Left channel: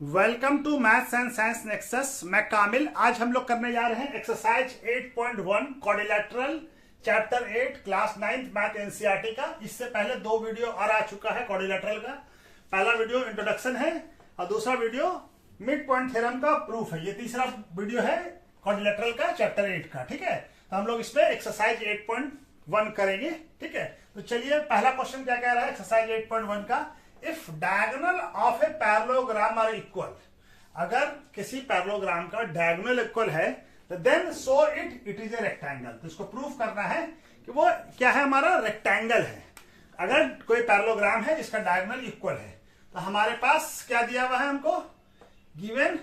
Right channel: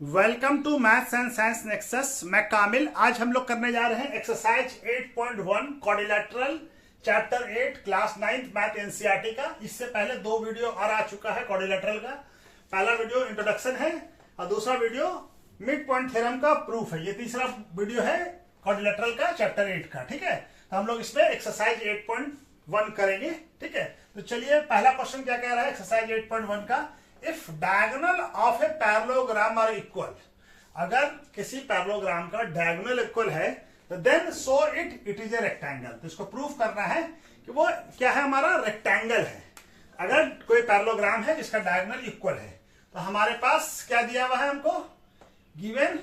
Welcome to maths and science nexus. मैं कामिल। आज हम लोग करने जा रहे हैं exercise 8.1 quadrilateral chapter 8 class 9th math NCERT का। इससे पहले दो वीडियो और आ चुका है क्वाड्रिलेटरल का। पहला वीडियो इंट्रोडक्शन है और दूसरा वीडियो मिड पॉइंट थ्योरम का प्रूफ है। ये तीसरा वीडियो है क्वाड्रिलेटरल का चैप्टर 8 का। ठीक है, तो हम लोग इसमें एक्सरसाइज 8.1 करेंगे। ठीक है, तो चलिए पहला क्वेश्चन क्या कह रहा है एक्सरसाइज 8.1 का। If diagonal of a parallelogram are equal, अगर किसी पैरेललोग्राम का डायगोनल इक्वल है तो then so it is a rectangle. तो इसको प्रूफ करना है कि वो क्या है, हमारा रेक्टेंगल है। अगर कोई पैरेललोग्राम है जिसका डायगोनल इक्वल है तो हमारे पास क्या दिया हुआ है हमको, गिवन।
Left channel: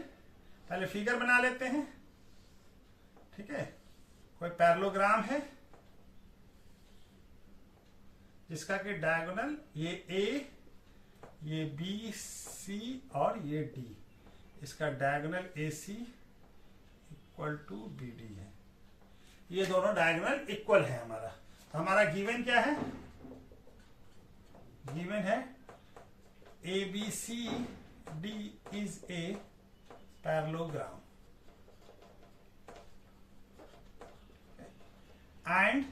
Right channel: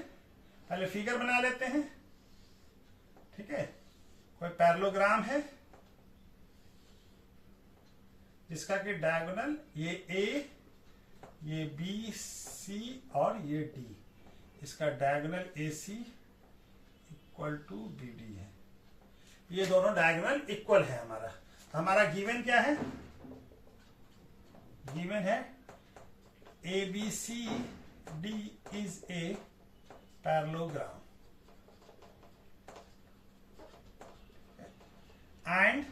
पहले फिगर बना लेते हैं। ठीक है, कोई पैरेललोग्राम है जिसका कि डायगोनल ये ए, ये बी सी और ये डी, इसका diagonal A C equal to B D है। ये दोनों डायगोनल इक्वल है हमारा। तो हमारा गिवन क्या है, गिवन है A B C D is a parallelogram and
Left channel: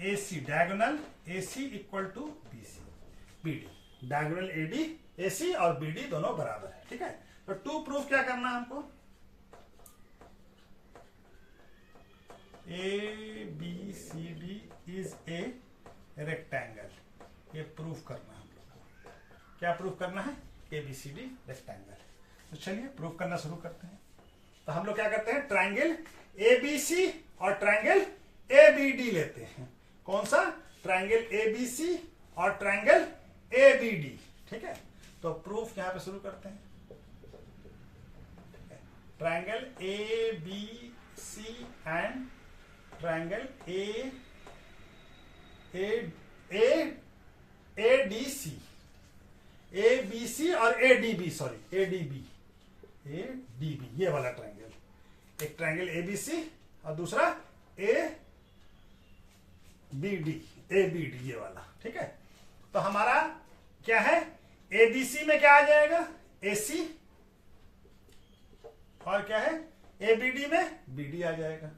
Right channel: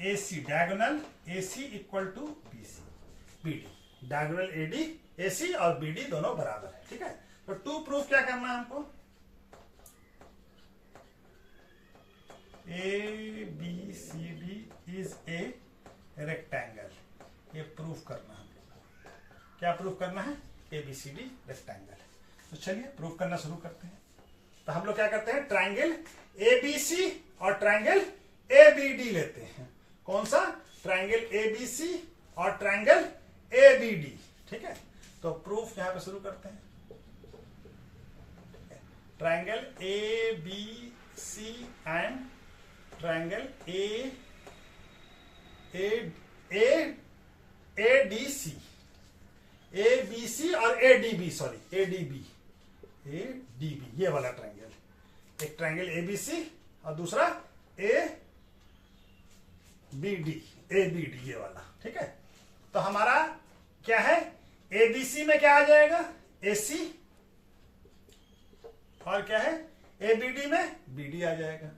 A C diagonal A C equal to B C B D. Diagonal AD AC और बीडी दोनों बराबर है। ठीक है, तो टू प्रूफ क्या करना है हमको, A B C D is a rectangle. ये प्रूफ करना है हमको। क्या प्रूफ करना है, A B C D rectangle. तो चलिए प्रूफ करना शुरू करते हैं। तो हम लोग क्या करते हैं, ट्राइंगल ए बी सी और ट्राइंगल ए बी डी लेते हैं। कौन सा, ट्राइंगल ए बी सी और ट्राइंगल ए बी डी। ठीक है, तो प्रूफ यहां पे शुरू करते हैं। Triangle A B C and triangle A D C, A B C और A D B, sorry A D B, ये वाला ट्राइंगल। एक ट्राइंगल ए बी सी और दूसरा ए बी डी, ये वाला। ठीक है, तो हमारा क्या है, एबीसी में क्या आ जाएगा, एसी, और क्या है एबीडी में बीडी आ जाएगा।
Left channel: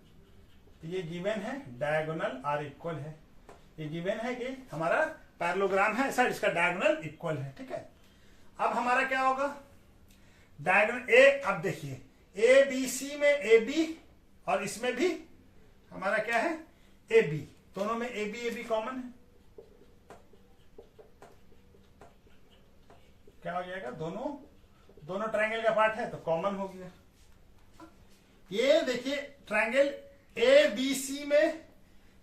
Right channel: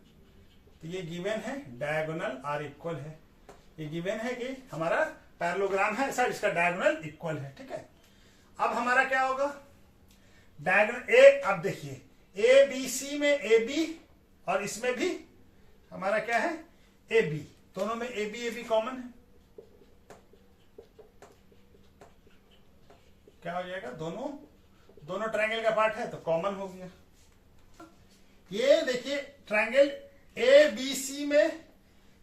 तो ये गिवन है डायगोनल आर इक्वल है। ये गिवन है कि हमारा पैरेललोग्राम है ऐसा, इसका डायगोनल इक्वल है। ठीक है, अब हमारा क्या होगा, डायगोनल ए, अब देखिए ए बी सी में ए बी और इसमें भी हमारा क्या है ए बी, दोनों में ए बी कॉमन है। क्या हो जाएगा, दोनों ट्रायंगल का पार्ट है तो कॉमन हो गया। ये देखिए ट्रायंगल ए बी सी में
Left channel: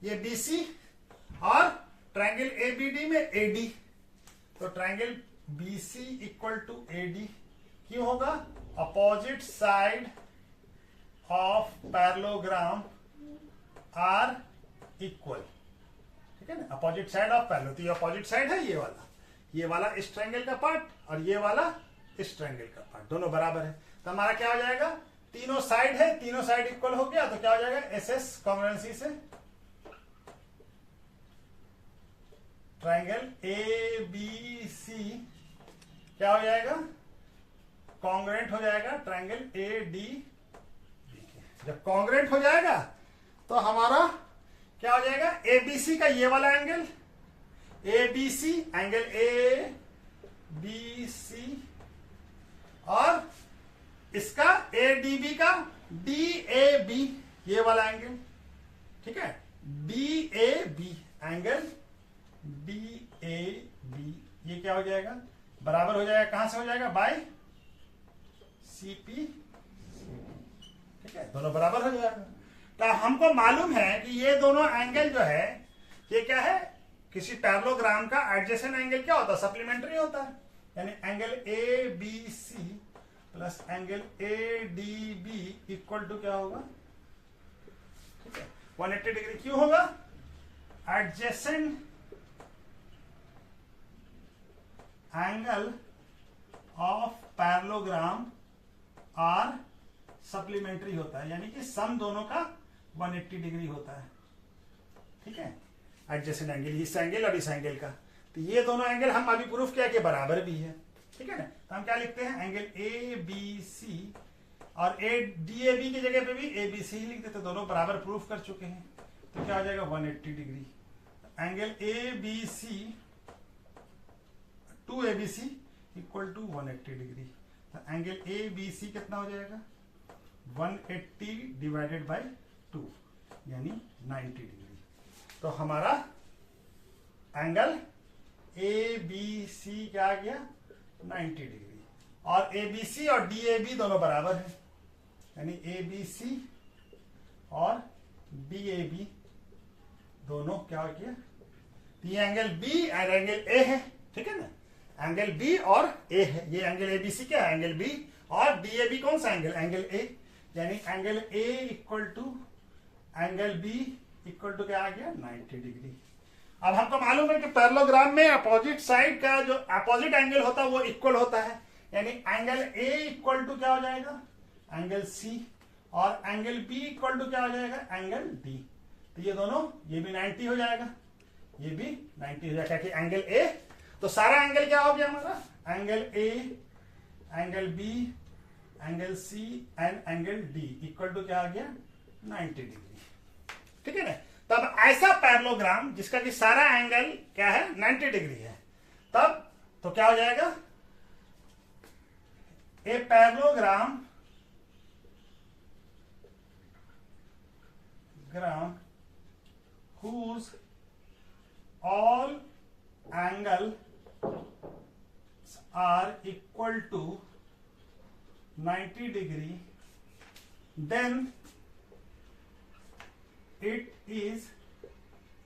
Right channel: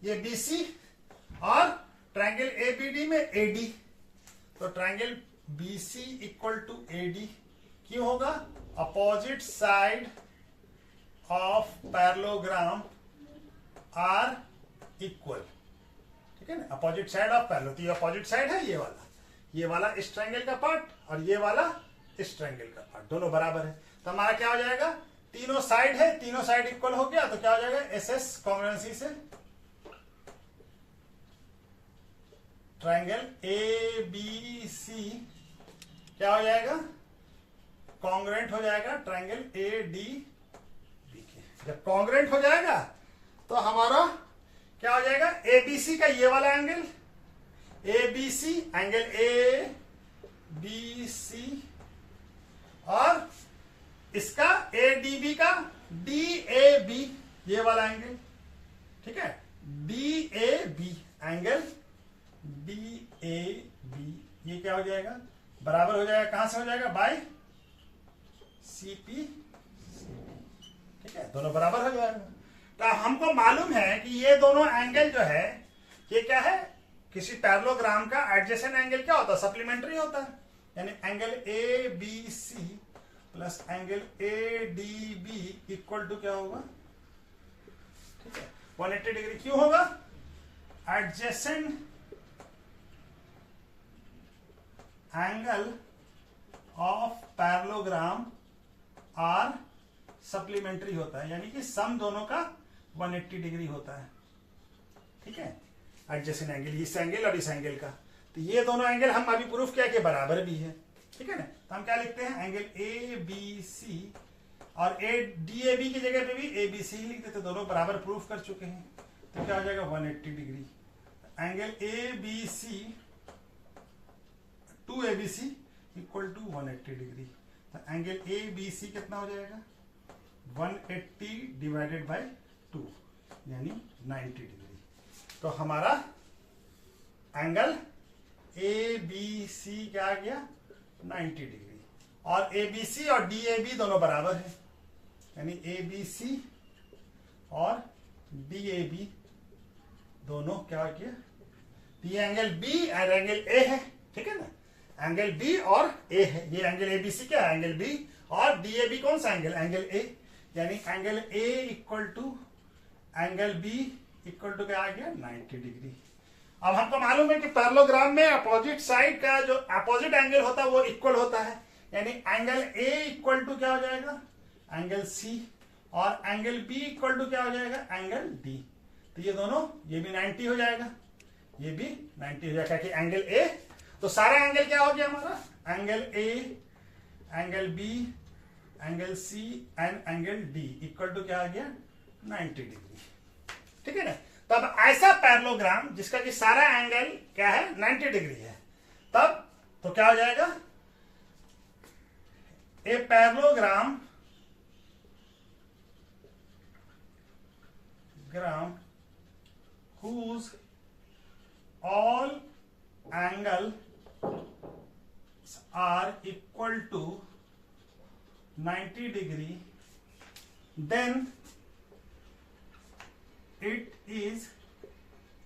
ये बी सी और ट्रायंगल ए बी डी में ए डी। तो triangle B C equal to A D क्यों होगा, opposite side of parallelogram are equal. ठीक है ना, अपोजिट साइड ऑफ पैरेलल, तो ये अपोजिट साइड है, ये वाला इस ट्रायंगल का पार्ट और ये वाला इस ट्रायंगल का पार्ट, दोनों बराबर है। तो हमारा क्या हो जाएगा, तीनों साइड है, तीनों साइड इक्वल हो गया तो क्या हो जाएगा, एस एस कॉन्ग्रुएंसी से ट्रायंगल ए बी सी क्या हो जाएगा, कॉन्ग्रुएंट हो जाएगा ट्रायंगल ए डी बी के। जब कॉन्ग्रुएंट हो जाएगा तो हमारा क्या हो जाएगा, ए बी सी का ये वाला angle, A B C angle A B C और इसका ए डी बी का डी ए बी, ये वाला एंगल। ठीक है, D A B angle D A B, ये क्या हो जाएगा, बराबर हो जाएगा, कहां से हो जाएगा, बाय सी पी। ठीक है, दोनों बराबर हो जाएगा। तो हमको मालूम है कि ये दोनों एंगल जो है ये क्या है, किसी पैरेललोग्राम का एडजेसेंट एंगल क्या होता है, सप्लीमेंट्री होता है। यानी angle A B C plus angle A D B equal to क्या होगा, ठीक है 180 डिग्री। क्यों होगा, adjacent angle of parallelogram are supplementary होता है, यानी कि सम दोनों का 180 डिग्री होता है। ठीक है, एडजेसेंट एंगल, इस एंगल और इस एंगल का, तो ये दोनों एंगल हम अभी प्रूफ किया कि बराबर भी है। ठीक है ना, तो हम क्या लिखते हैं, एंगल ए बी सी, और DAB की जगह पे भी ABC ही लिख देते, दोनों बराबर प्रूफ कर चुके हैं। तो क्या हो जाएगा 180 degree. Angle ABC 2ABC equal to 180 degree. तो एंगल ABC कितना हो जाएगा 180 डिवाइडेड बाय 2 यानी 90 डिग्री। तो हमारा एंगल ABC क्या आ गया 90 डिग्री, और ABC और DAB दोनों बराबर है, यानी ABC और DAB दोनों क्या किया, ये एंगल B और एंगल A है, ठीक है ना, एंगल B और A है, ये एंगल ABC क्या है एंगल B, और DAB कौन सा एंगल, एंगल A, यानी angle A equal to angle B equal to क्या आ गया 90 डिग्री। अब हमको मालूम है कि पैरेललोग्राम में अपोजिट साइड का जो अपोजिट एंगल होता है वो इक्वल होता है, यानी एंगल A इक्वल टू क्या हो जाएगा एंगल C, और एंगल B इक्वल टू क्या हो जाएगा एंगल D। तो ये दोनों, ये भी 90 हो जाएगा, ये भी 90 हो जाएगा, कि एंगल A, तो सारा एंगल क्या हो गया हमारा, angle A, angle B, angle C and angle D equal to क्या आ गया 90 डिग्री, ठीक है ना। तो अब ऐसा पैरेललोग्राम जिसका कि सारा एंगल क्या है 90 डिग्री है, तब तो क्या हो जाएगा, a parallelogram whose all angles are equal to 90 degree, then it is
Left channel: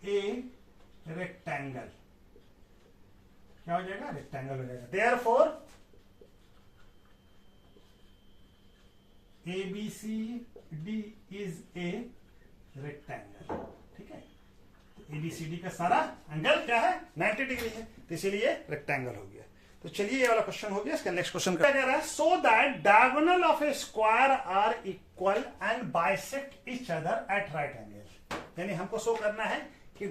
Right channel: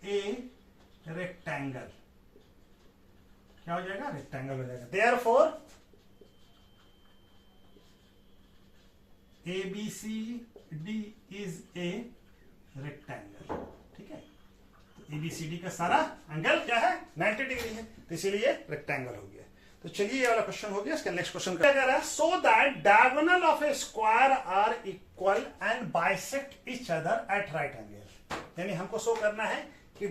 a rectangle। क्या हो जाएगा रेक्टेंगल हो जाएगा। Therefore ABCD is a rectangle, ठीक है। तो ABCD का सारा एंगल क्या है 90 डिग्री है, तो इसीलिए रेक्टेंगल हो गया। तो चलिए ये वाला क्वेश्चन हो गया, इसका नेक्स्ट क्वेश्चन क्या कह रहा है, so that diagonal of a square are equal and bisect each other at right angle. यानी हमको शो करना है कि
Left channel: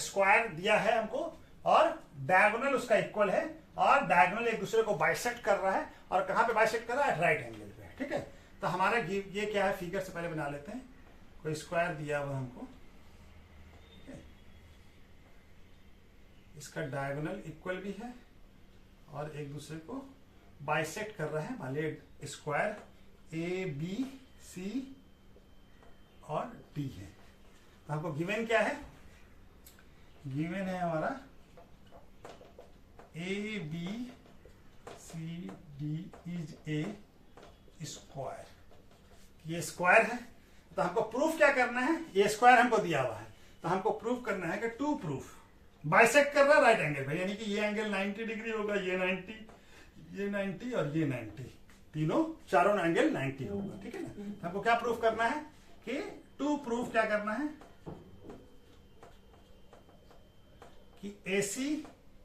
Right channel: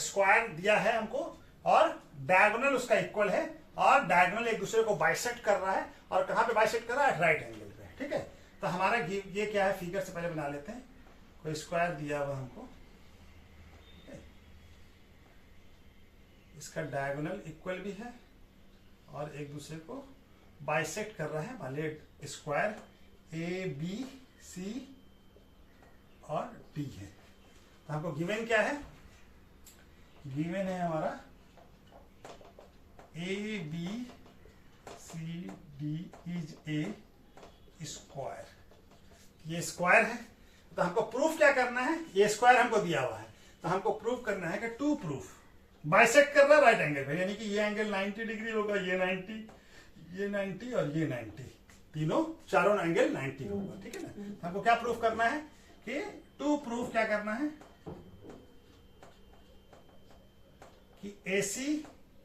स्क्वायर दिया है हमको और डायगोनल उसका इक्वल है, और डायगोनल एक दूसरे को बाइसेक्ट कर रहा है, और कहां पे बाइसेक्ट कर रहा है राइट एंगल पे, ठीक है। तो हमारा ये क्या है, फिगर से पहले बना लेते हैं, कोई स्क्वायर दिया हुआ हमको, इसका डायगोनल इक्वल भी है और एक दूसरे को बाइसेक्ट कर रहा है, मान लीजिए स्क्वायर ABC और D है। तो हमको गिवन क्या है, गिवन है हमारा ABCD इज ए स्क्वायर, ये स्क्वायर है। तो हमको प्रूफ क्या करना है, ये स्क्वायर हमको दिया हुआ है, तो हमको प्रूफ करना है कि टू प्रूफ बाइसेक्ट कर रहा है राइट एंगल पे, यानी कि ये एंगल 90 डिग्री होगा, ये 90, ये 90 और ये 90, तीनों चारों एंगल 90 होगा, ठीक है ना। हमको क्या प्रूफ करना है कि टू प्रूफ क्या करना है कि AC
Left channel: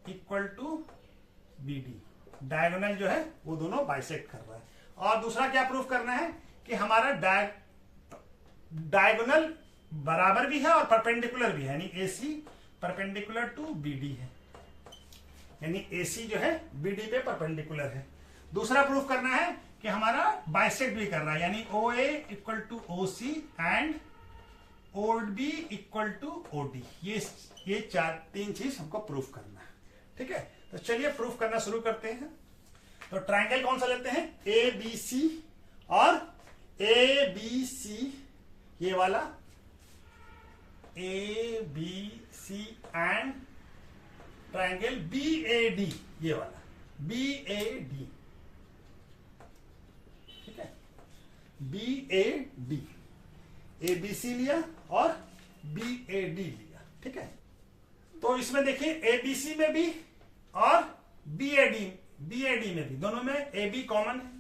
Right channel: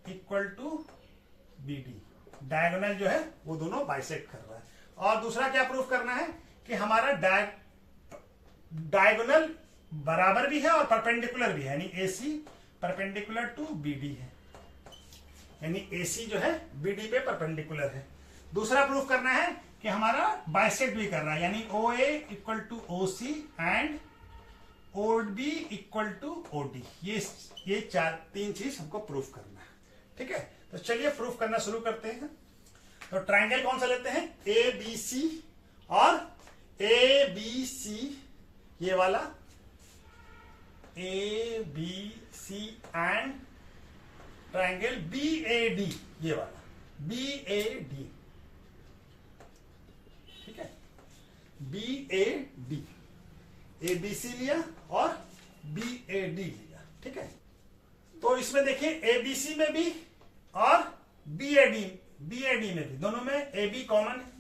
equal to BD, diagonal जो है वो दोनों बाइसेक्ट कर रहा है। और दूसरा क्या प्रूफ करना है कि हमारा डायगोनल बराबर भी है और परपेंडिकुलर भी है, यानी AC परपेंडिकुलर टू BD है, यानी AC जो है BD पे परपेंडिकुलर है। दूसरा प्रूफ करना है कि हमारा बाइसेक्ट भी कर रहा है, यानी OA equal to OC and OB equal to OD। ये तीन चीज हमको प्रूफ करना है, ठीक है। तो चलिए प्रूफ करना शुरू करते हैं। तो ट्रायंगल कौन सा लेते हैं, ABC और ABC, ये वाला ABC एंड ट्रायंगल BAD, ये वाला BAD, ठीक है, BAD, ABC लिया और BAD लिया, ठीक है। तो इसमें देखिए ABC में भी और BAD में भी, दोनों में AB कॉमन है,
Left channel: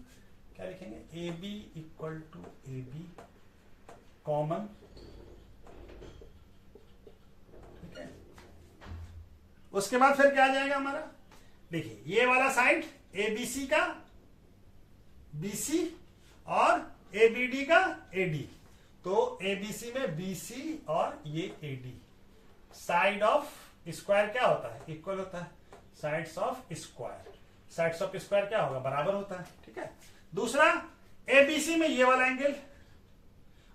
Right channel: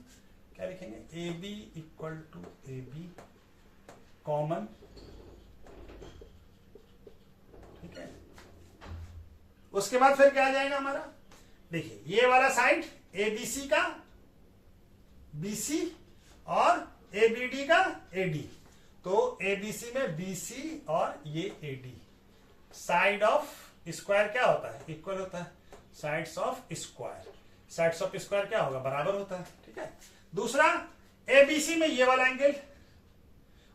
क्या लिखेंगे AB equal to AB common, ठीक है। उसके बाद फिर क्या आ जाएगा हमारा, देखिए ये वाला साइड ABC का BC और ABD का AD, तो ABC में BC और ये AD, साइड ऑफ स्क्वायर क्या होता है इक्वल होता है, sides of square, sides of square क्या होगा, बराबर होता है। ठीक है, दूसरा एबीसी में ये वाला एंगल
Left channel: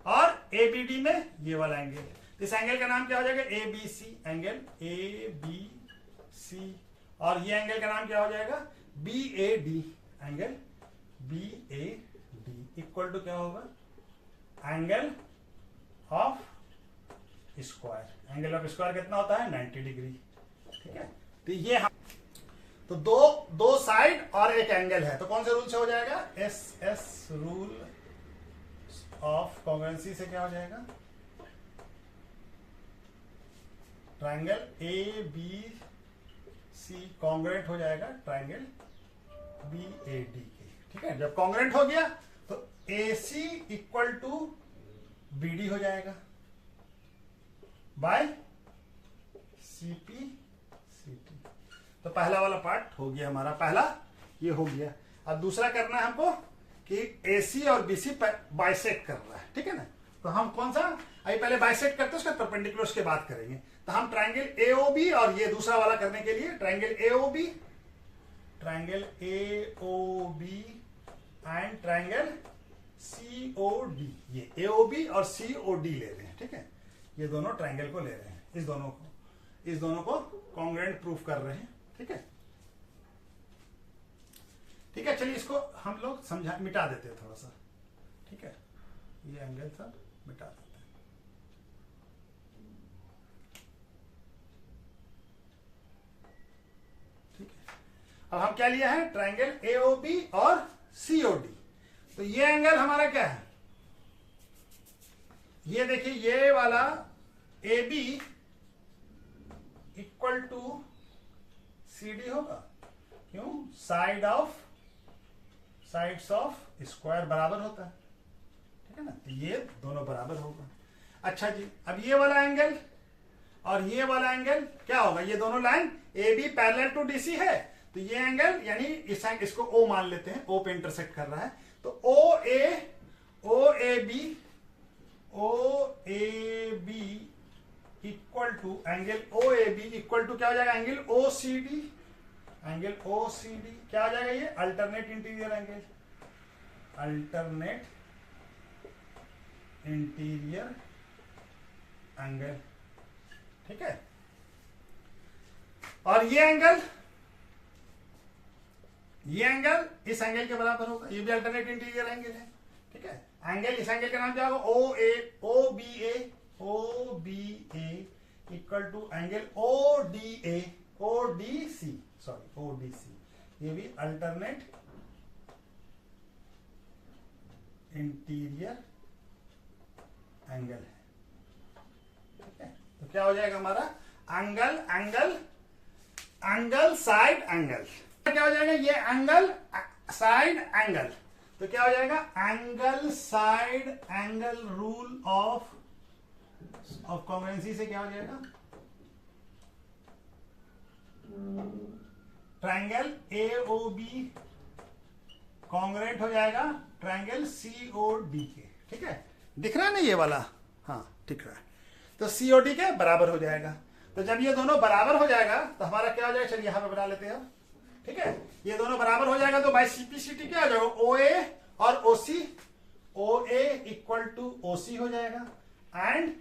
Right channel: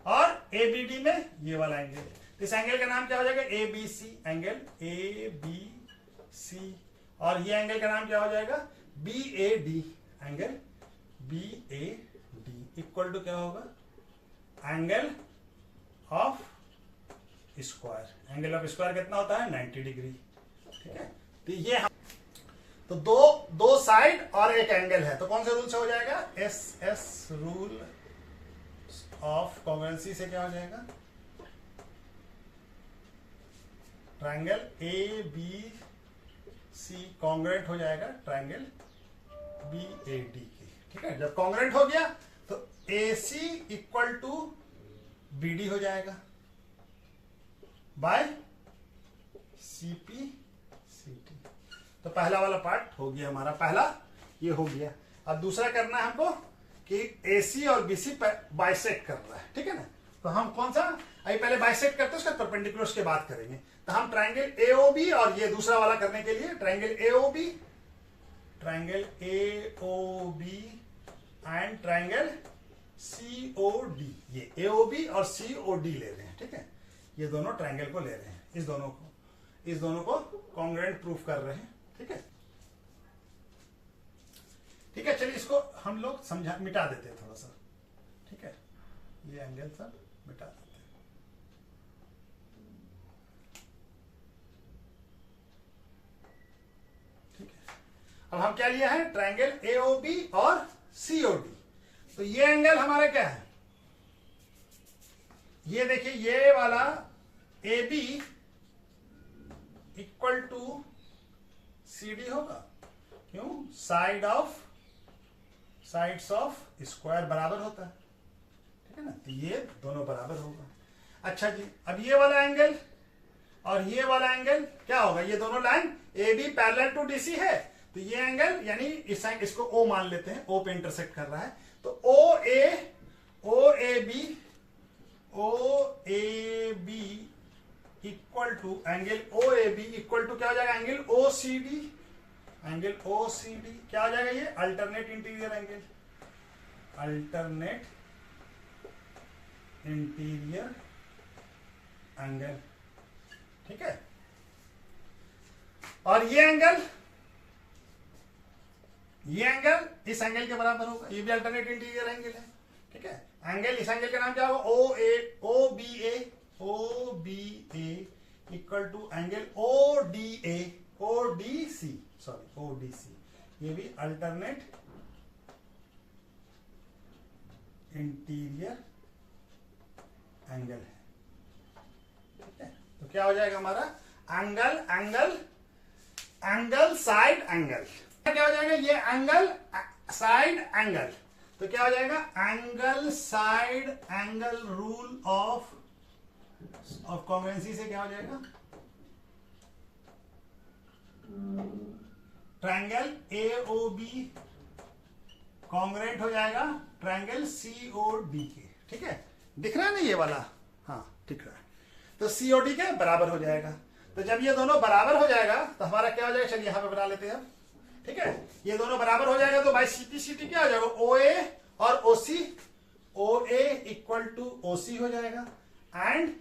और एबीडी में ये वाला एंगल, इस एंगल का नाम क्या हो जाएगा, ABC angle, A B C, और ये एंगल का नाम क्या हो जाएगा, B A D angle, B A D equal to क्या होगा, angle of square. Angle of square कितना होता है, 90 डिग्री। ठीक है, तो ये तो दो साइड और एक एंगल है, तो कौन से रूल से हो जाएगा, S S rule of congruency से क्या हो जाएगा, triangle A B C congruent हो जाएगा ट्रायंगल बी ए डी के। ठीक है, जब कॉन्ग्रुएंट हो गया तो A C equal to B D हो जाएगा by C P C T. तो पहला वाला पार्ट हो गया हमारा, पहला ये हो गया। अब दूसरा करना है हमको कि एसी और बीसी बाइसेक्ट कर रहा है। ठीक है ना, तो हम कौन सा, अभी पहले बाइसेक्ट करते हैं, उसका परपेंडिकुलर के बात करेंगे। तो हम ट्रायंगल एओबी और ये दूसरा वाला करने के लिए triangle AOB and triangle COD, ये एओबी और सीओडी ले रहे हैं। ठीक है, ये दोनों ट्रायंगल को ले रहे हैं, इस दोनों को कॉन्ग्रुएंट प्रूफ कर रहे हैं। ठीक है, ठीक है, चलिए इसको हम लोग मिटा देते हैं थोड़ा सा। ठीक है, ये एंगल सब मिटा देते हैं। ठीक है, अब हम क्या लिया है, ट्रायंगल एओबी और सीओडी। तो ये एंगल हमारा क्या है, ये देखिए, ये वाला A B equal to C D होगा, क्यों, साइड्स ऑफ स्क्वायर बराबर होता है। ठीक है ना, तो ये दोनों बराबर होगा। अच्छा जी, अब ये वाला एंगल और ये वाला एंगल क्या होगा, ये दोनों line A B parallel to DC है, तो ये एंगल यानी इसको ओ मान लेते हैं, ओ पे इंटरसेक्ट कर रहा है, तो O A B equal to angle O A B equal to क्या हो जाएगा, angle O C D, angle O C D क्या हो जाएगा, ये alternate interior angle, alternate interior angle. ठीक है, और ये एंगल इस एंगल के बराबर होगा, ये भी अल्टरनेट इंटीरियर एंगल है। ठीक है, एंगल, इस एंगल का नाम क्या होगा, O B A equal to angle O D C, ये भी अल्टरनेट इंटीरियर एंगल है। ठीक है, तो क्या हो जाएगा हमारा, एंगल साइड एंगल, क्या हो जाएगा, ये एंगल साइड एंगल, तो क्या हो जाएगा, angle side angle rule of congruency से क्या हो जाएगा, ट्रायंगल एओबी कॉन्ग्रुएंट हो जाएगा ट्रायंगल सीओडी के। ठीक है, दिख रहा है ना ये वाला, हाँ दिख रहा है, तो सीओडी के बराबर हो जाएगा। तो जब ये दोनों बराबर हो जाएगा तो हमारा क्या हो जाएगा, चलिए यहां पे बना लेते हैं अब। ठीक है, ये दोनों बराबर हो जाएगा तो बाई सीपीसीटी क्या हो जाएगा, ओ ए और ओसी, ओ ए इक्वल टू ओसी हो जाएगा and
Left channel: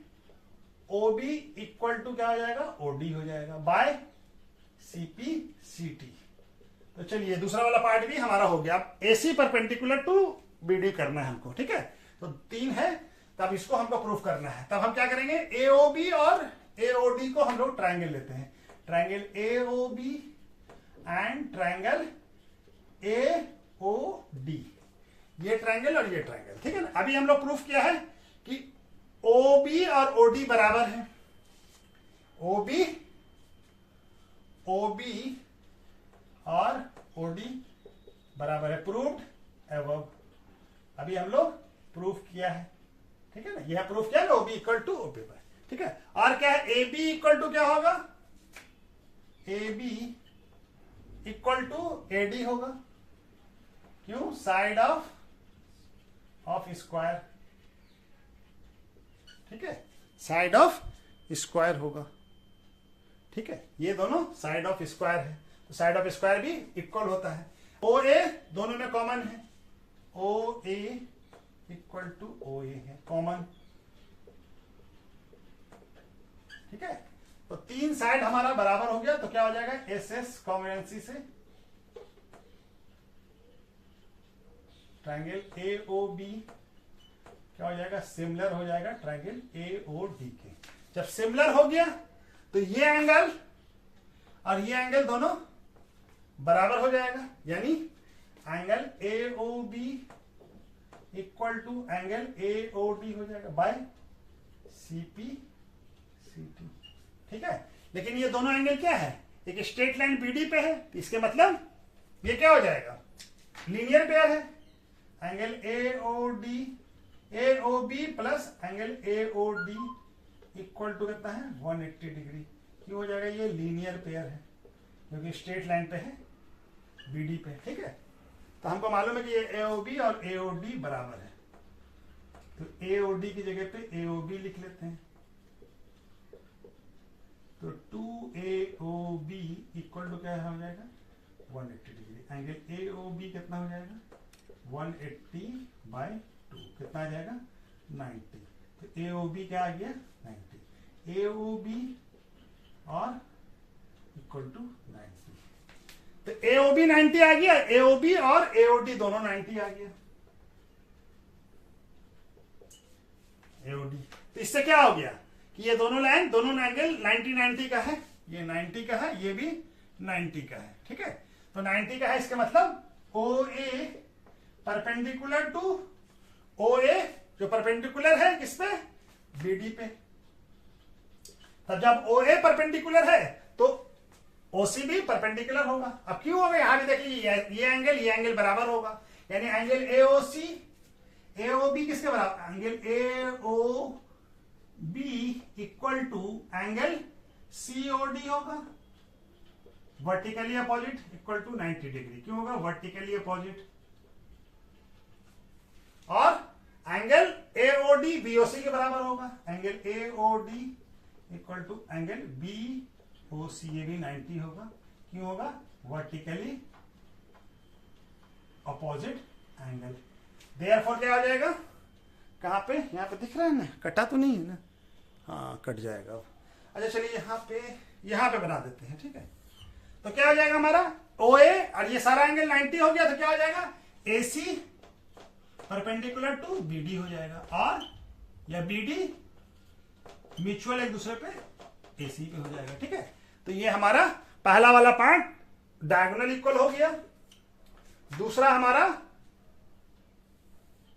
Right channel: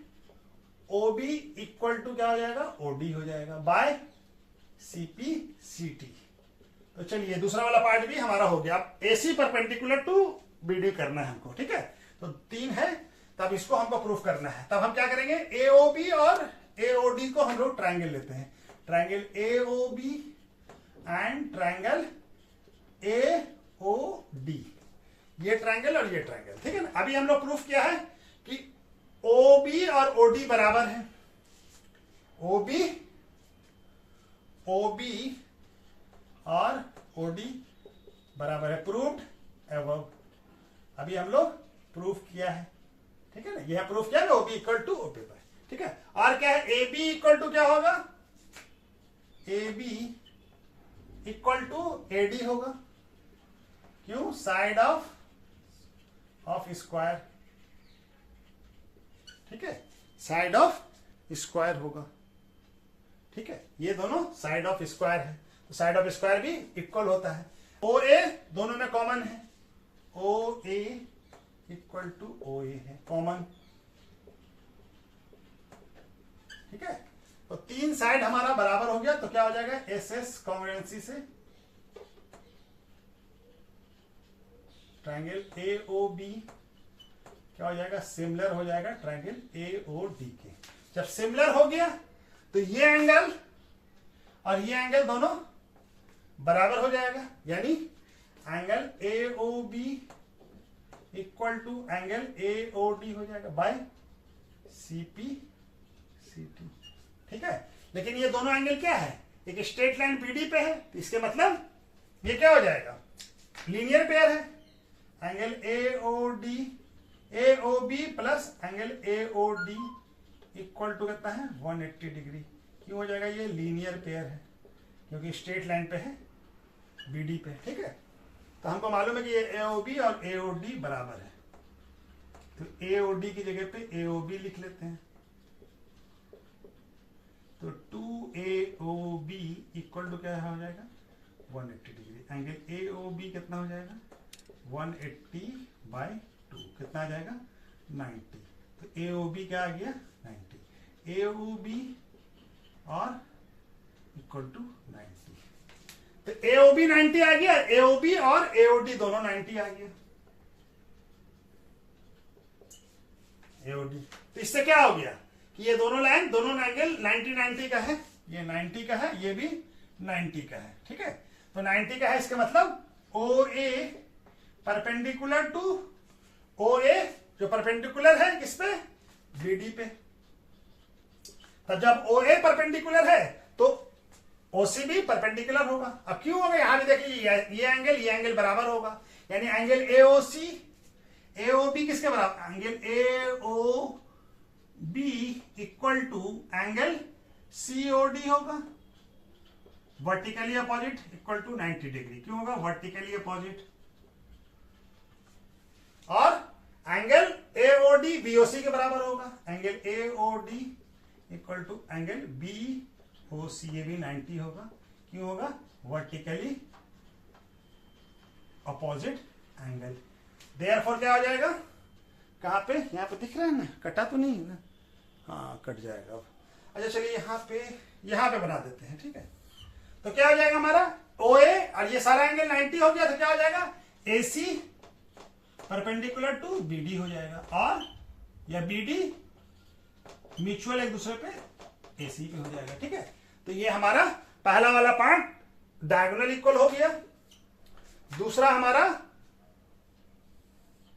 O B equal to क्या हो जाएगा, ओडी हो जाएगा बाय सीपी सीटी। तो चलिए दूसरा वाला पार्ट भी हमारा हो गया। अब एसी परपेंडिकुलर टू बीडी करना है हमको। ठीक है, तो 3 है, तब इसको हमको प्रूफ करना है। तब हम क्या करेंगे, एओबी और एओडी को हम लोग ट्रायंगल लेते हैं, triangle AOB and triangle AOD, ये ट्रायंगल और ये ट्रायंगल। ठीक है ना, अभी हम लोग प्रूफ किया है कि ओबी और ओडी बराबर है, ओबी और ओडी बराबर है, प्रूव्ड अबव। अभी हम लोग प्रूफ किया है। ठीक है ना, यह प्रूफ किया ना, ओबी इक्वल टू ओबी बाय। ठीक है, और क्या है, ए बी इक्वल टू क्या होगा, A B equal to A D होगा, क्यों, साइड ऑफ स्क्वायर। ठीक है, साइड ऑफ स्क्वायर होगा। ठीक है, ये दोनों साइड ऑफ स्क्वायर है, तो साइड ऑफ स्क्वायर भी इक्वल होता है। ओ ए दोनों में कॉमन है, ओ ए इक्वल टू ओ ए है कॉमन, ठीक है। तो तीन साइड हमारा बराबर हो गया, तो क्या हो जाएगा एस एस कॉन्ग्रुएंसी से ट्रायंगल ए ओ बी क्या हो जाएगा, सिमिलर हो जाएगा ट्रायंगल ए ओ डी के। जब सिमिलर हो गया तो ये एंगल और ये एंगल दोनों बराबर हो जाएगा, यानी angle A O B equal to angle A O D हो जाएगा by C P C T, ठीक है। लेकिन ये दोनों एंगल क्या है, एक स्ट्रेट लाइन बीडी पे है, तो इसके मतलब ये क्या हो जाएगा, लीनियर पेयर है। Angle A O D A O B plus angle A O D equal to कितना है 180 डिग्री। क्यों हो जाएगा, ये लीनियर पेयर है क्योंकि स्ट्रेट लाइन पे है बीडी पे, ठीक है। तो हमको मालूम है कि ये ए ओ बी और ए ओ डी बराबर है, तो ए ओ डी की जगह पे ए ओ बी लिख लेते हैं। तो 2AOB इक्वल टू क्या हो जाएगा 180 डिग्री। एंगल AOB कितना हो जाएगा 180/2 कितना आ जाएगा 90। तो AOB क्या आ गया 90, AOB और इक्वल टू 90। तो AOB 90 आ गया, AOB और AOD दोनों 90 आ गया। AOD तो इससे क्या हो गया कि ये दोनों लाइन दोनों एंगल 90 का है, ये 90 का है, ये भी 90 का है, ठीक है। तो 90 का है, इसका मतलब OA परपेंडिकुलर टू OA जो परपेंडिकुलर है किस पे BD पे। तब जब OA परपेंडिकुलर है तो OC भी परपेंडिकुलर होगा। अब क्यों होगा, यहां भी देखिए ये एंगल बराबर होगा, यानी एंगल AOC AOB किसके बराबर, angle AOB equal to angle COD होगा, vertically opposite equal to 90 degree. क्यों होगा, वर्टिकली अपोजिट। और एंगल AOD BOC के बराबर होगा, angle AOD equal to angle BOC, ये भी 90 होगा। क्यों होगा, वर्टिकली अपोजिट एंगल। देयरफॉर क्या हो जाएगा, कहां पे, यहां पे दिख रहा है ना, कटा तो नहीं है ना, हाँ कट जाएगा। अच्छा चलिए यहां पे बना देते हैं, ठीक है। तो क्या हो जाएगा हमारा OA और ये सारा एंगल 90 हो गया, तो क्या हो जाएगा AC परपेंडिकुलर टू BD हो जाएगा, और या BD म्यूचुअल एक दूसरे पे AC पे हो जाएगा, ठीक है। तो ये हमारा पहला वाला पार्ट डायगोनल इक्वल हो गया। दूसरा हमारा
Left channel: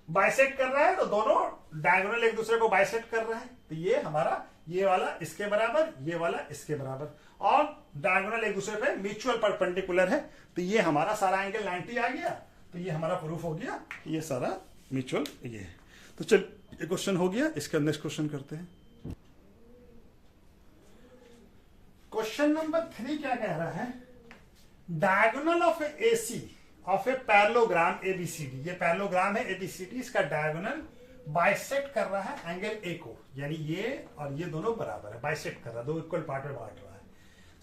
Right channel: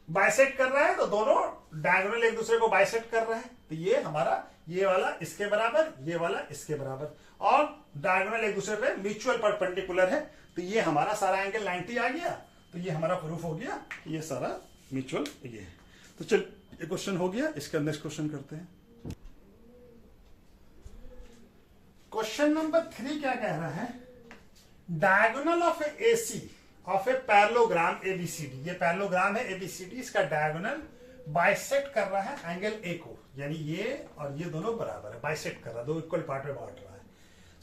बाइसेक्ट कर रहा है, तो दोनों डायगोनल एक दूसरे को बाइसेक्ट कर रहे हैं, तो ये हमारा ये वाला इसके बराबर, ये वाला इसके बराबर, और डायगोनल एक दूसरे पे म्यूचुअल परपेंडिकुलर है, तो ये हमारा सारा एंगल 90 आ गया। तो ये हमारा प्रूफ हो गया, ये सारा म्यूचुअल ये है। तो चल ये क्वेश्चन हो गया, इसके नेक्स्ट क्वेश्चन करते हैं। क्वेश्चन नंबर 3 क्या कह रहा है, diagonal of AC of a parallelogram ABCD, ये पैरेललोग्राम है ABCD, इसका डायगोनल बाइसेक्ट कर रहा है एंगल A को, यानी ये और ये दोनों बराबर है, बाइसेक्ट कर रहा है, दो इक्वल पार्ट में बांट रहा है,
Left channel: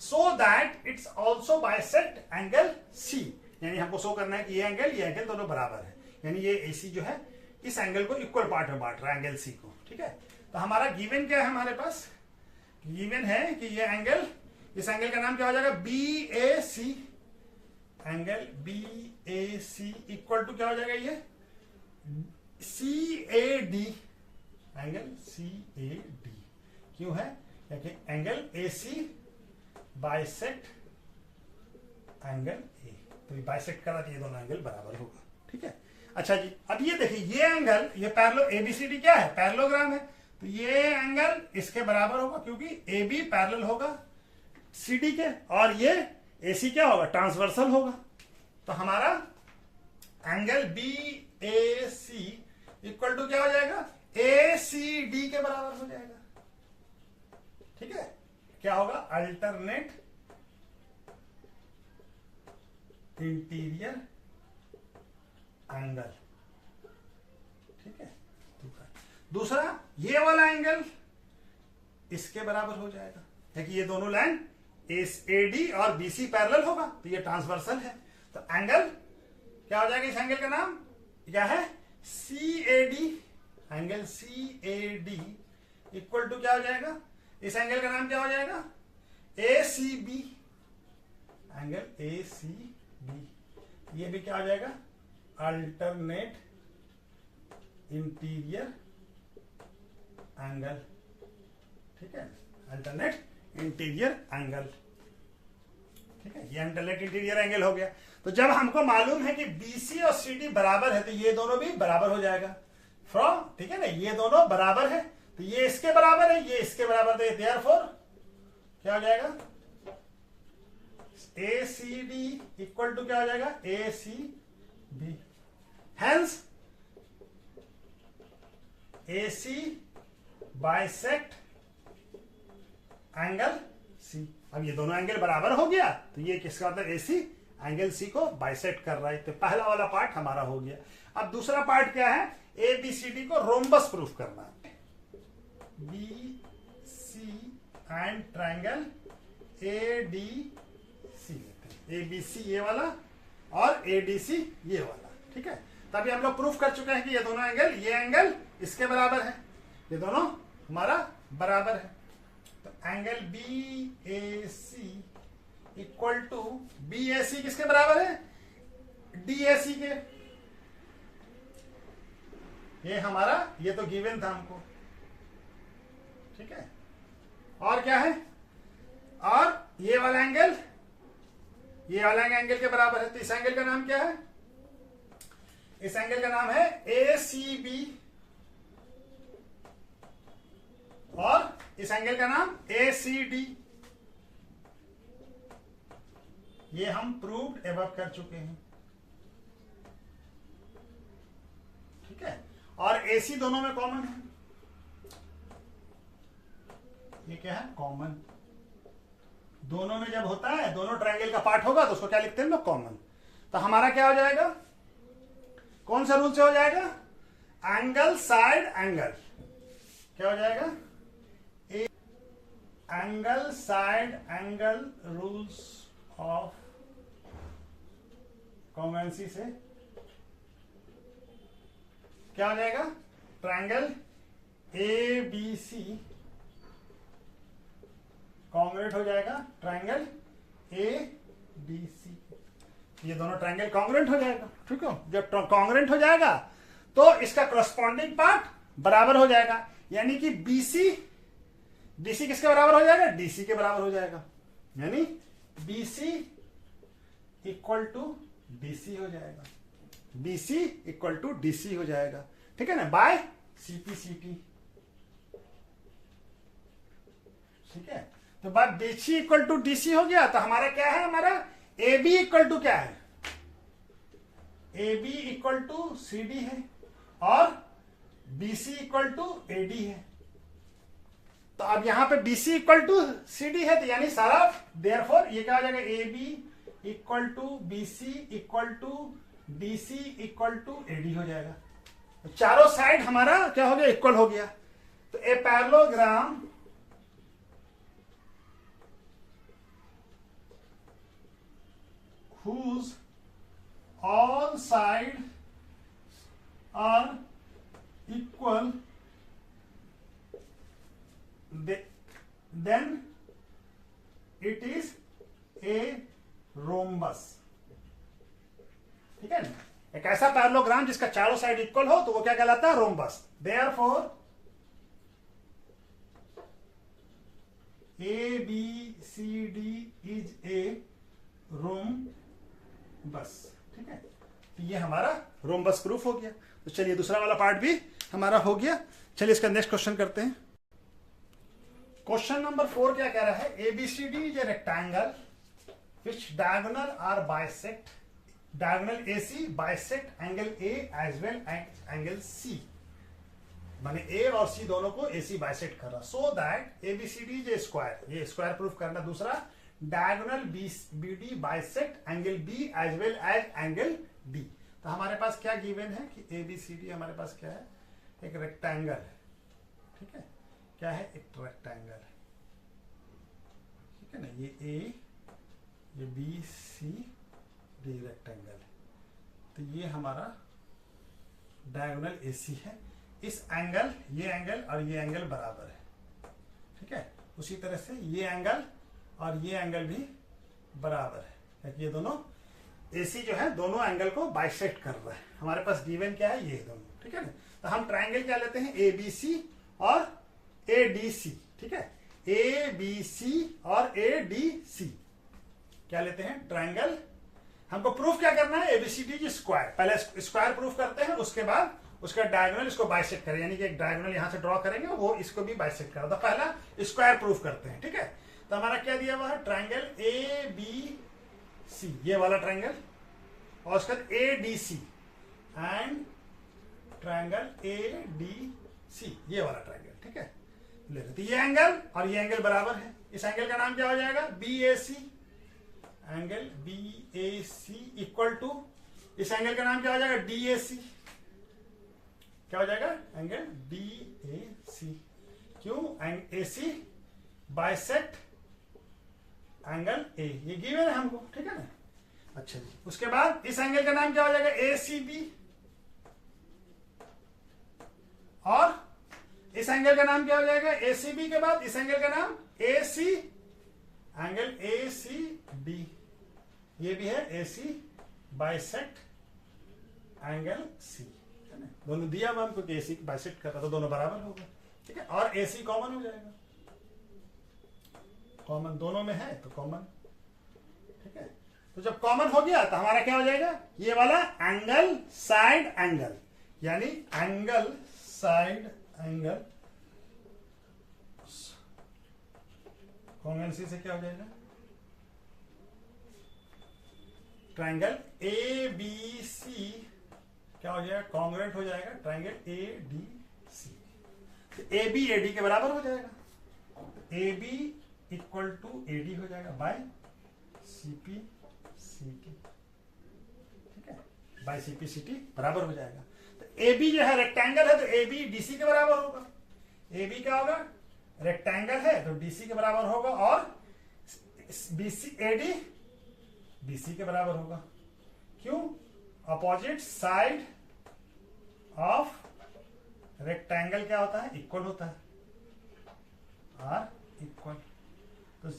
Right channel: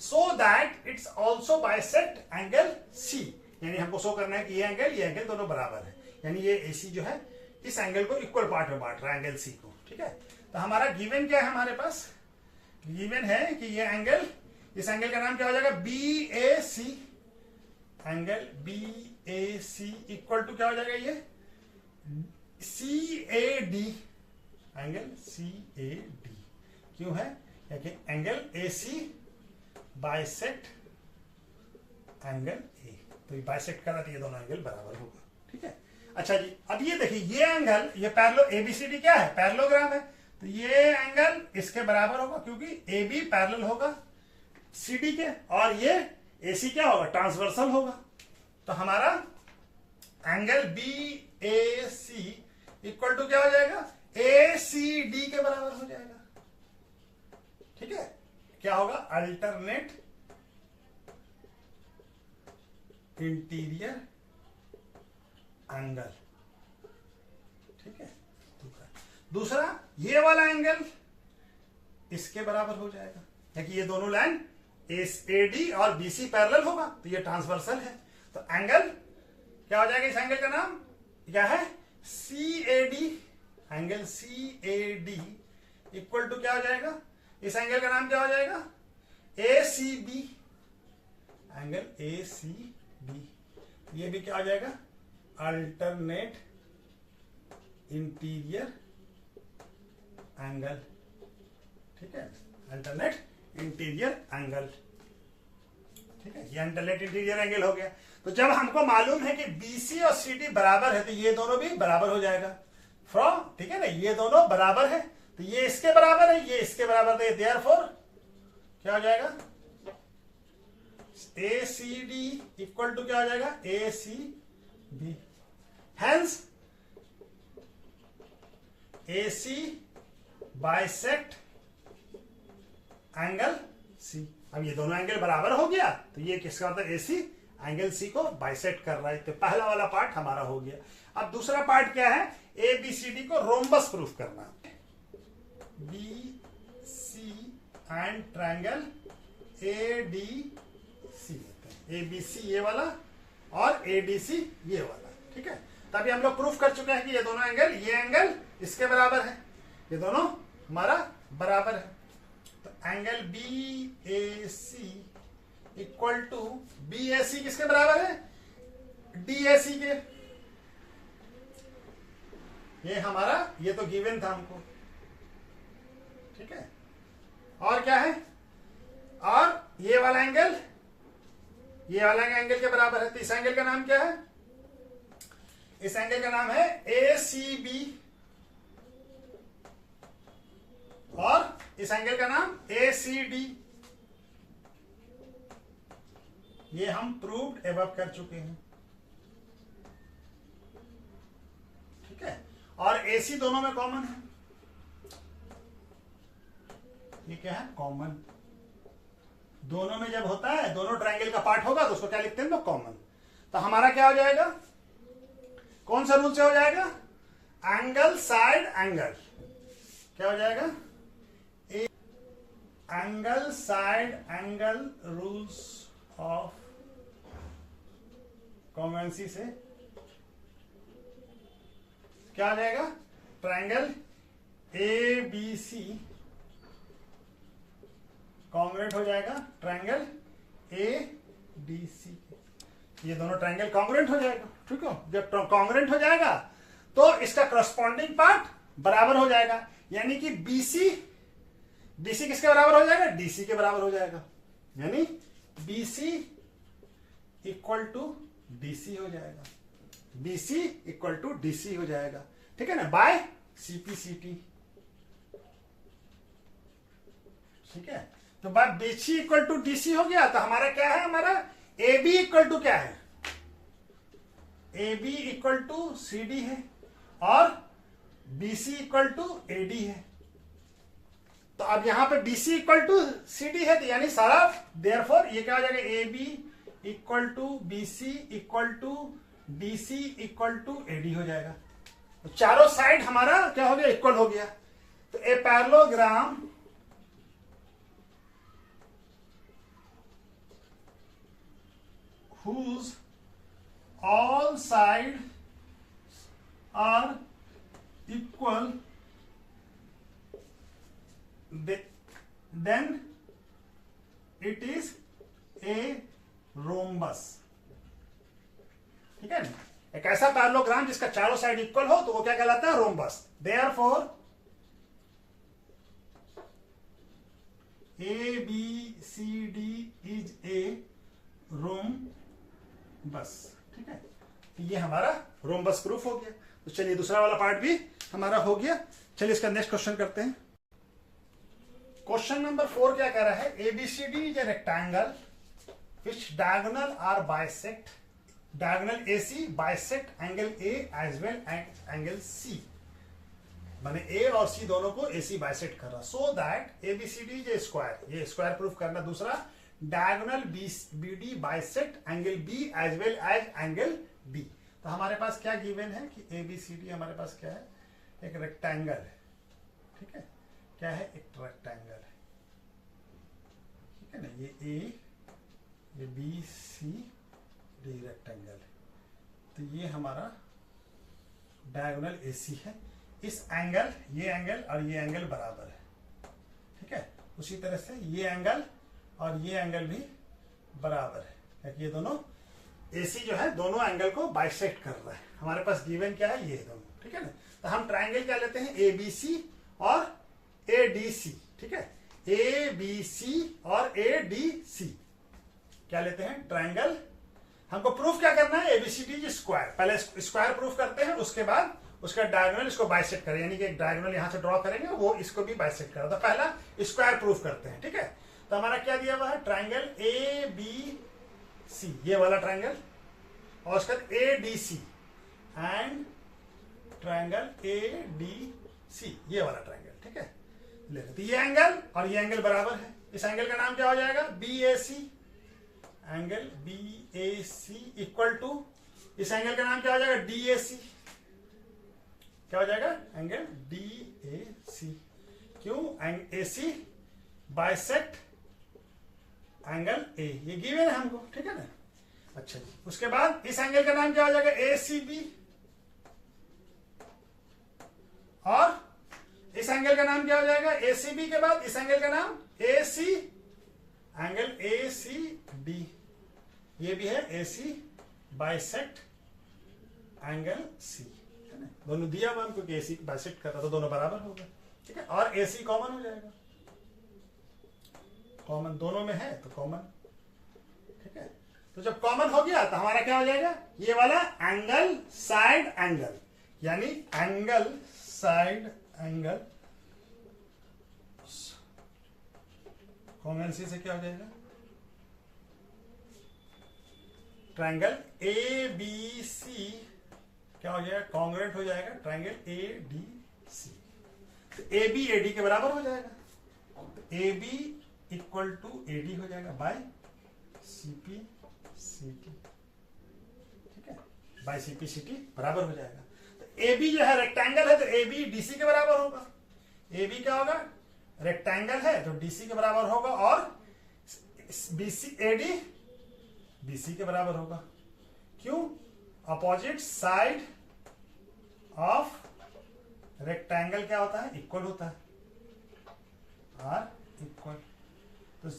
so that it's also bisect angle C, यानी हमको शो करना है कि ये एंगल दोनों बराबर है, यानी ये AC जो है इस एंगल को इक्वल पार्ट में बांट रहा है एंगल C को, ठीक है। तो हमारा गिवन क्या है, हमारे पास गिवन है कि ये एंगल, इस एंगल का नाम क्या हो जाएगा BAC, angle BAC equal to क्या हो जाएगा ये CAD, एंगल CAD। क्यों है, क्योंकि angle AC bisect angle A, तो ये बाइसेक्ट करा तो ये दोनों एंगल बराबर होगा, ठीक है। अच्छा जी, अब ये देखिए ये एंगल, ये पैरेलल ABCD क्या है, पैरेललोग्राम है, तो ये एंगल इसके बराबर होगा क्योंकि AB पैरेलल होगा CD के, और ये AC क्या होगा, ट्रांसवर्सल होगा। तो हमारा एंगल BAC इक्वल टू क्या हो जाएगा, ACD के बराबर हो जाएगा, ठीक है। क्या होगा, अल्टरनेट इंटीरियर एंगल, ठीक है। दूसरा ये वाला एंगल इसके बराबर हो जाएगा, क्योंकि ये दोनों लाइन AD और BC पैरेलल होगा, तो ये ट्रांसवर्सल है। तो एंगल क्या हो जाएगा, इस एंगल का नाम क्या है, CAD। Angle CAD equal to क्या हो जाएगा, इस एंगल का नाम क्या हो जाएगा, ACB। एंगल ACB, ये भी क्या हो जाएगा, अल्टरनेट इंटीरियर एंगल। ठीक है, अल्टरनेट इंटीरियर एंगल। ठीक है, ये अल्टरनेट इंटीरियर एंगल हो गया। तो जब हमको मालूम है कि BC और CD बराबर है, तो ये दोनों भी बराबर हो जाएगा फ्रॉम, ठीक है ना, ये दोनों बराबर है, तो ये इसके बराबर है, ये इसके बराबर है, देयरफॉर क्या हो जाएगा, ACD इक्वल टू क्या हो जाएगा, ACB। Hence AC bisect angle C। अब ये दोनों एंगल बराबर हो गया, तो ये किसका होता है, AC एंगल C को बाइसेक्ट कर रहा है। तो पहला वाला पार्ट हमारा हो गया। अब दूसरा पार्ट क्या है, ABCD को रोम्बस प्रूफ करना। BC and triangle ADC, ABC ये वाला और ADC ये वाला। ठीक है, तभी हम लोग प्रूफ कर चुके हैं कि ये दोनों एंगल, ये एंगल इसके बराबर है, ये दोनों हमारा बराबर है। तो angle BAC equal to BAC किसके बराबर है, DAC के। ये हमारा, ये तो गिवन था हमको। ठीक है, और क्या है, और ये वाला एंगल, ये वाला एंगल के बराबर है। तो इस एंगल का नाम क्या है, इस एंगल का नाम है ACB, और इस एंगल का नाम ACD। ये हम प्रूव्ड एबव कर चुके हैं। ठीक है, और AC दोनों में कॉमन है। ये क्या है, कॉमन। दोनों में जब होता है, दोनों ट्रायंगल का पार्ट होगा, तो उसको क्या लिखते हैं लोग, कॉमन। तो हमारा क्या हो जाएगा, कौन सा रूल से हो जाएगा, एंगल साइड एंगल। क्या हो जाएगा, angle side angle rules of congruency से क्या हो जाएगा, ट्रायंगल ABC कॉन्ग्रुएंट हो जाएगा ट्रायंगल ADC। ये दोनों ट्रायंगल कॉन्ग्रुएंट हो जाएगा। ठीक है, जब कॉन्ग्रुएंट हो जाएगा तो इसका करस्पॉन्डिंग पार्ट बराबर हो जाएगा, यानी कि BC किसके बराबर हो जाएगा, DC के बराबर हो जाएगा, यानी BC इक्वल टू DC हो जाएगा, BC इक्वल टू DC हो जाएगा। ठीक है ना, बाय CPCT। ठीक है, तो बात BC इक्वल टू DC हो गया। तो हमारा क्या है, हमारा AB इक्वल टू क्या है, AB इक्वल टू CD है, और BC इक्वल टू AD है। तो अब यहां पे BC इक्वल टू CD है, तो यानी सारा, देयरफॉर ये क्या हो जाएगा, AB equal to BC equal to DC equal to AD हो जाएगा। तो चारों साइड हमारा क्या हो गया, इक्वल हो गया। तो a parallelogram whose all sides are equal, then it is a rhombus। ठीक है ना, एक ऐसा पैरेललोग्राम जिसका चारों साइड इक्वल हो, तो वो क्या कहलाता है, rhombus. Therefore ABCD is a rhombus. ठीक है, तो ये हमारा रोम्बस प्रूफ हो गया। तो चलिए दूसरा वाला पार्ट भी हमारा हो गया। चलिए इसका नेक्स्ट क्वेश्चन करते हैं। क्वेश्चन नंबर 4 क्या कह रहा है, ABCD is a rectangle which diagonal are bisect, diagonal AC bisect angle A as well as angle C। माने A और C दोनों को AC बाइसेक्ट कर रहा, so that ABCD is a square. ये स्क्वायर प्रूफ करना। दूसरा, diagonal BD bisect angle B as well as angle B। तो हमारे पास क्या गिवन है कि ABCD हमारे पास क्या है, एक रेक्टेंगल है। ठीक है, क्या है, एक रेक्टेंगल है। ठीक है ना, ये ए, ये बी सी डी रेक्टेंगल है, तो ये हमारा डायगोनल एसी है। इस एंगल, ये एंगल और ये एंगल बराबर है, ठीक है। उसी तरह से ये एंगल और ये एंगल भी बराबर है, क्योंकि ये दोनों एसी जो है दोनों एंगल को बाइसेक्ट कर रहा है। हमारे पास गिवन क्या है, ये दोनों, ठीक है ना। तो हम ट्रायंगल क्या लेते हैं, ए बी सी और ए डी सी, ठीक है। ए बी सी और ए डी सी क्या लेते हैं, ट्रायंगल। हमको प्रूफ क्या करना है, एबीसीडी स्क्वायर। पहले स्क्वायर प्रूफ करते हैं, उसके बाद उसका डायगोनल इसको बाइसेक्ट करें, यानी कि एक डायगोनल यहां से ड्रॉ करेंगे, वो इसको भी बाइसेक्ट करें। तो पहला स्क्वायर प्रूफ करते हैं, ठीक है। तो हमारा क्या दिया हुआ है, ट्रायंगल ए बी सी, ये वाला ट्रायंगल, और उसका A D C and triangle A D C, ये वाला ट्रायंगल, ठीक है। ले लेते, ये एंगल और ये एंगल बराबर है। इस एंगल का नाम क्या हो जाएगा, B A C, angle B A C equal to, इस एंगल का नाम क्या हो जाएगा, डी ए सी, क्या हो जाएगा, एंगल डी ए सी। क्यों, ए सी बाइसेक्ट एंगल ए, ये गिवन है हमको, ठीक है ना। अच्छा जी, उसके बाद इस एंगल का नाम क्या हो जाएगा, ए सी बी, और इस एंगल का नाम क्या हो जाएगा, ए सी बी के बाद इस एंगल का नाम ए सी, एंगल ए सी डी, ये भी है ए सी बाइसेक्ट एंगल सी, है ना। दोनों दिया हुआ हमको कि ए सी बाइसेक्ट कर रहा, तो दोनों बराबर होगा, ठीक है। और ए सी कॉमन हो जाएगा, कॉमन दोनों में है तो कॉमन, ठीक है। तो जब कॉमन हो गया तो हमारा क्या हो जाएगा, ये वाला एंगल साइड एंगल, यानी एंगल साइड एंगल कॉन्वेंसी से क्या हो जाएगा, ट्रायंगल ए बी सी क्या हो जाएगा, कॉन्ग्रुएंट हो जाएगा ट्रायंगल ए डी सी। तो ए बी ए डी के बराबर हो जाएगा, तो A B equal to A D हो जाएगा by C P C T, ठीक है, by C P C T बराबर हो जाएगा। तो ए बी जो है रेक्टेंगल है, तो ए बी डी सी के बराबर होगा। ए बी क्या होगा, रेक्टेंगल है तो डी सी के बराबर होगा, और B C A D B C के बराबर होगा। क्यों, अपोजिट साइड ऑफ रेक्टेंगल क्या होता है, इक्वल होता है, आर इक्वल। तो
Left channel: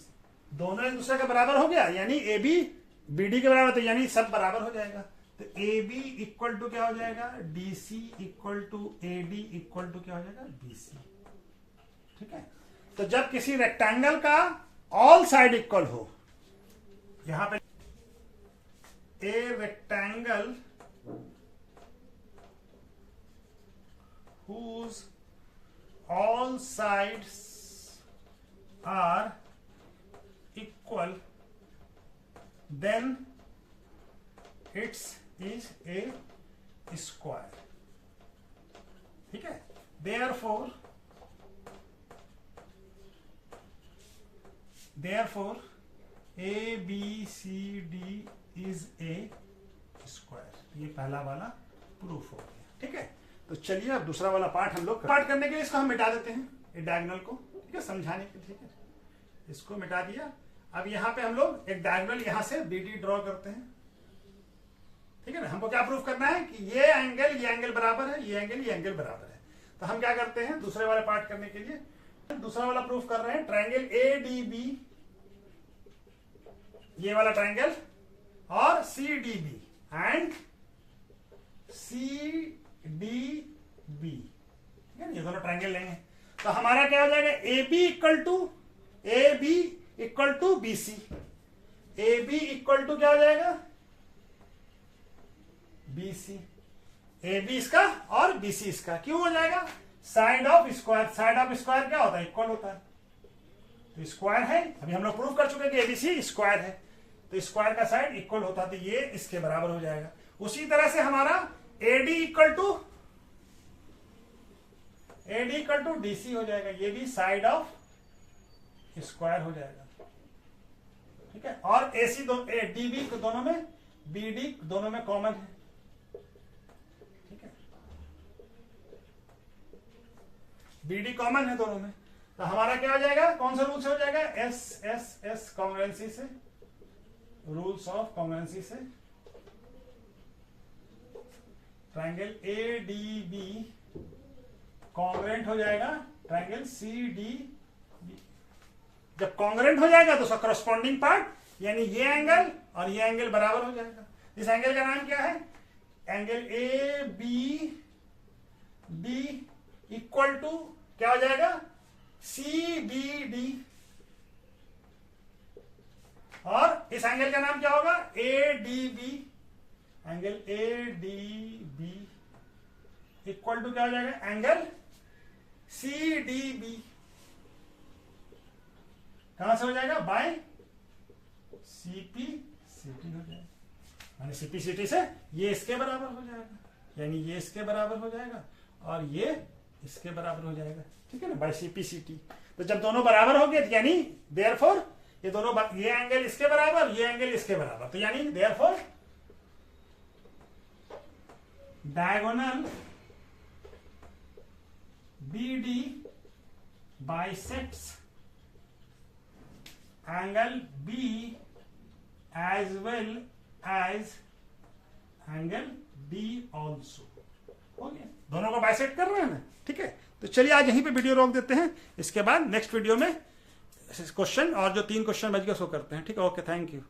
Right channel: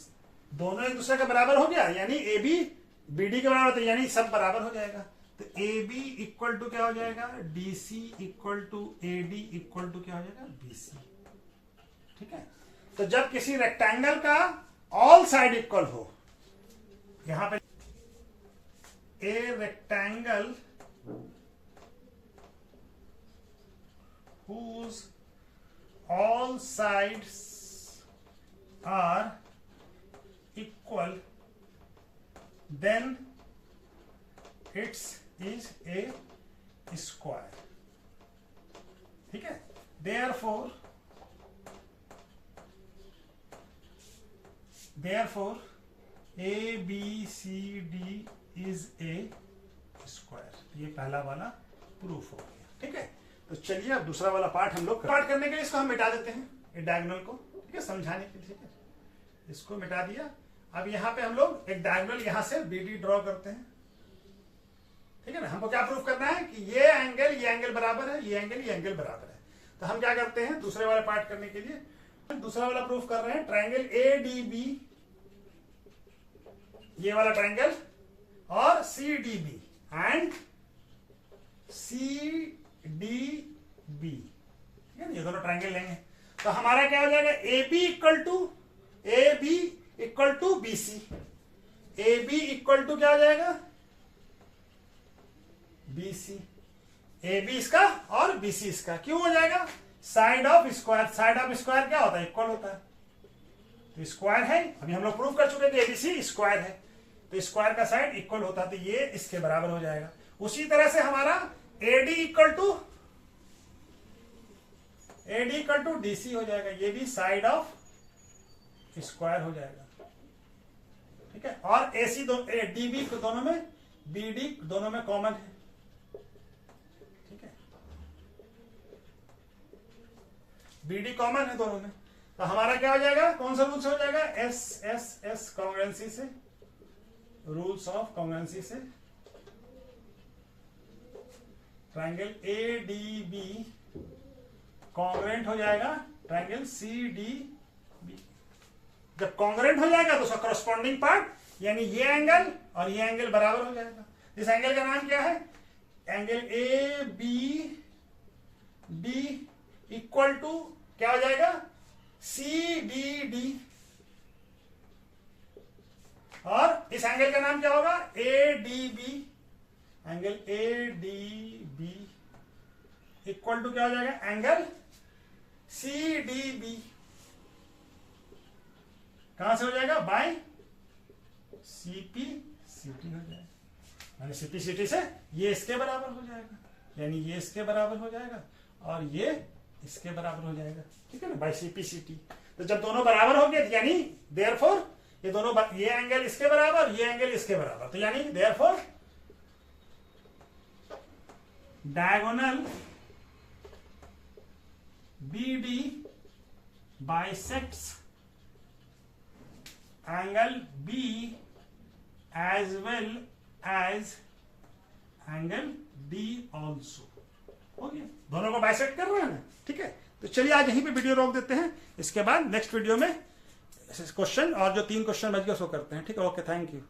दोनों एक दूसरे के बराबर हो गया, यानी ए बी बी डी के बराबर, तो यानी सब बराबर हो जाएगा। तो ए बी इक्वल टू क्या हो जाएगा, D C equal to A D equal to क्या हो जाएगा, बी सी, ठीक है। तो जब किसी रेक्टेंगल का ऑल साइड इक्वल हो, यहां पे a rectangle whose all sides are equal, then it is a square, ठीक है। therefore A B C D is a square, ये पहला वाला प्रूफ हो गया, ठीक है। तो चलिए अब दूसरा वाला पार्ट हम लोग पार्ट करने के लिए इसको हम मिटा देते हैं, डायगोनल को, ठीक है, समझाने के लिए, ठीक है। इसको मिटा दिया। अब यहाँ पे हम लोग एक डायगोनल यहां से बी डी ड्रॉ करते हैं, ठीक है ना। हमको क्या प्रूफ करना है कि ये एंगल बराबर है, ये एंगल बराबर है। तो हम क्या करते हैं, दूसरे वाले पार्ट करने के लिए दूसरा वाला प्रूफ कर रहे हैं, ट्रायंगल ए डी बी, ये वाला ट्रायंगल, और C D B and C D B, ठीक है ना, ये दोनों ट्रायंगल लेंगे। तो हमारा क्या हो जाएगा, A B equal to B C, A B equal to क्या हो जाएगा, बी सी, ए बी इसका और बी सी इसका। क्यों हो जाएगा, side of square, side of square क्या होता है, इक्वल होता है। तो स्क्वायर है, अभी हम लोग प्रूव कर चुके हैं कि एबीसी स्क्वायर है, तो स्क्वायर का साइड इक्वल होता है, तो ये इसके बराबर हो जाएगा। उसी तरह से हमारा एडी इक्वल टू डीसी हो जाएगा, ये भी साइड ऑफ स्क्वायर हो जाएगा, ठीक है। और एसी डीबी दोनों में, बीडी दोनों में कॉमन है, ठीक है, बीडी कॉमन है दोनों में। तो हमारा क्या हो जाएगा, कौन सा रूल से हो जाएगा, एस कॉन्ग्रुएंसी से, रूल्स ऑफ कॉन्ग्रुएंसी से triangle A D B congruent हो जाएगा ट्रायंगल सी डी बी। जब कॉन्ग्रुएंट हो जाएगा तो उसका करस्पॉन्डिंग पार्ट यानी ये एंगल और ये एंगल बराबर हो जाएगा। इस एंगल का नाम क्या है, angle A B D equal to क्या हो जाएगा, सी डी डी, और इस एंगल का नाम क्या होगा, A D B. Angle A D B equal to क्या हो जाएगा, एंगल सी डी बी। कहां से हो जाएगा, बाय सीपी सीटी हो जाएगा, यानी सीपी सीटी से ये इसके बराबर हो जाएगा, यानी ये इसके बराबर हो जाएगा और ये इसके बराबर हो जाएगा, ठीक है ना, बाय सीपी सीटी। तो जब दोनों बराबर हो गए यानी देयरफॉर ये दोनों, ये एंगल इसके बराबर, ये एंगल इसके बराबर, तो यानी therefore diagonal BD bisects angle B as well as angle D also। हो गया, दोनों को बाइसेक्ट कर रहे हैं ना, ठीक है। तो चलिए आज यहीं पे वीडियो रोक देते हैं, इसके बाद नेक्स्ट वीडियो में क्वेश्चन और जो 3 क्वेश्चन बच गए उसको करते हैं, ठीक है। Okay, thank you.